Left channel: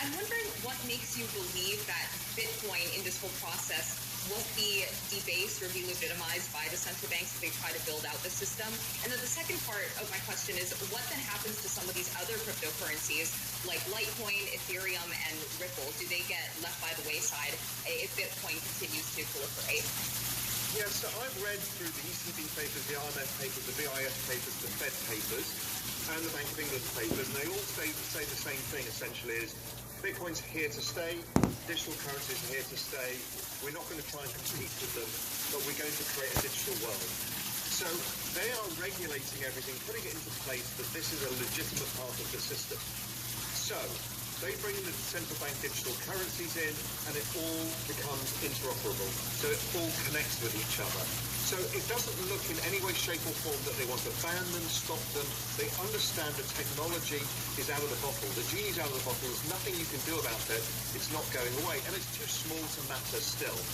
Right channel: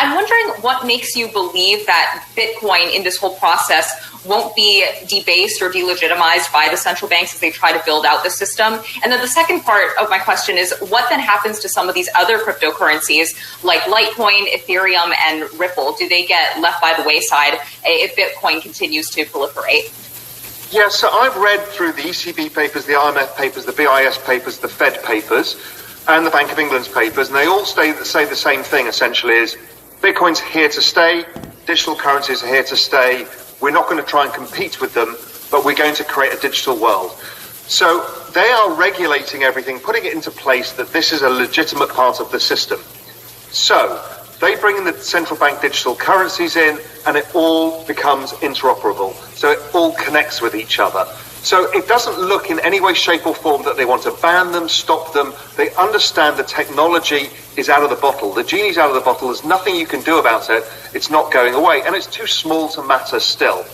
I'm wondering what makes you believe that Bitcoin in this whole process won't be debased or delegitimized by the central banks as they try to build out the system. And then the second part of my question is, what then happens to some of these other cryptocurrencies like Litecoin, Ethereum, and Ripple? Do they get left by the wayside if Bitcoin continues to proliferate? Yeah, so I've read through the ECB papers, the IMF papers, the BIS papers, the Fed papers, and the Bank of England's papers, and they all say the same thing, essentially, is Bitcoin's here to stay, digital currencies are here to stay. We're not going to try and compete with them, but we're going to create a digital world. So they are regulating everything, putting it into place that this is a legitimate part of the system. So they bring in the central bank digital currencies in, and it all becomes interoperable. So it all connects with each other. So it doesn't look in any way, shape or form that they want to ban them, stop them. They understand the technology is out of the bottle. The genie's out of the bottle. There's nothing you can do about it. It's not going away. And it's too small to matter still.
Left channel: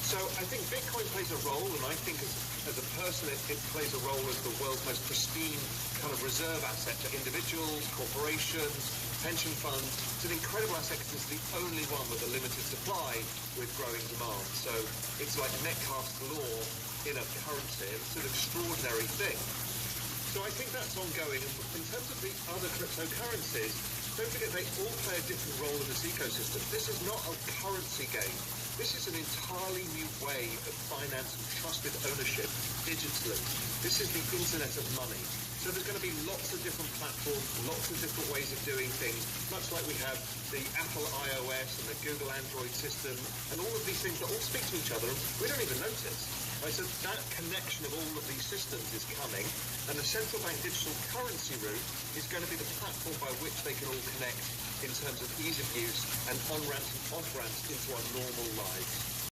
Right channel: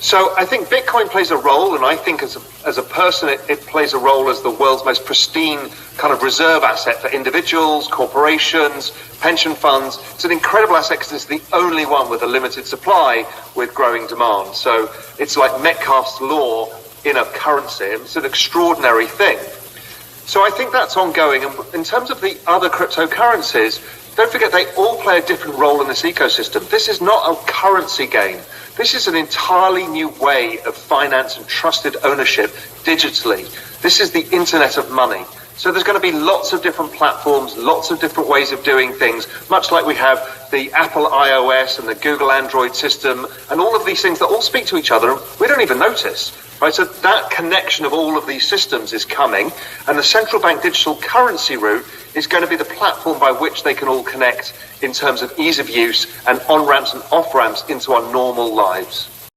So I think Bitcoin plays a role, and I think as a person, it plays a role as the world's most pristine kind of reserve asset for individuals, corporations, pension funds. It's an incredible asset because it's the only one with a limited supply with growing demand. So it's like Metcalfe's law in a currency. It's an extraordinary thing. So I think that's ongoing. And in terms of the other cryptocurrencies, don't forget they all play a different role in this ecosystem. This is not a currency game. This is an entirely new way of finance and trusted ownership digitally. This is the internet of money. So there's going to be lots of different platforms, lots of different ways of doing things, much like we have the Apple iOS and the Google Android system and all of these things that all speak to each other and we don't even notice. Right? So that connection of all of these systems is coming, and the central bank digital currency route is going to be the platform by which they can all connect in terms of ease of use and on-ramps and off-ramps into our normal lives.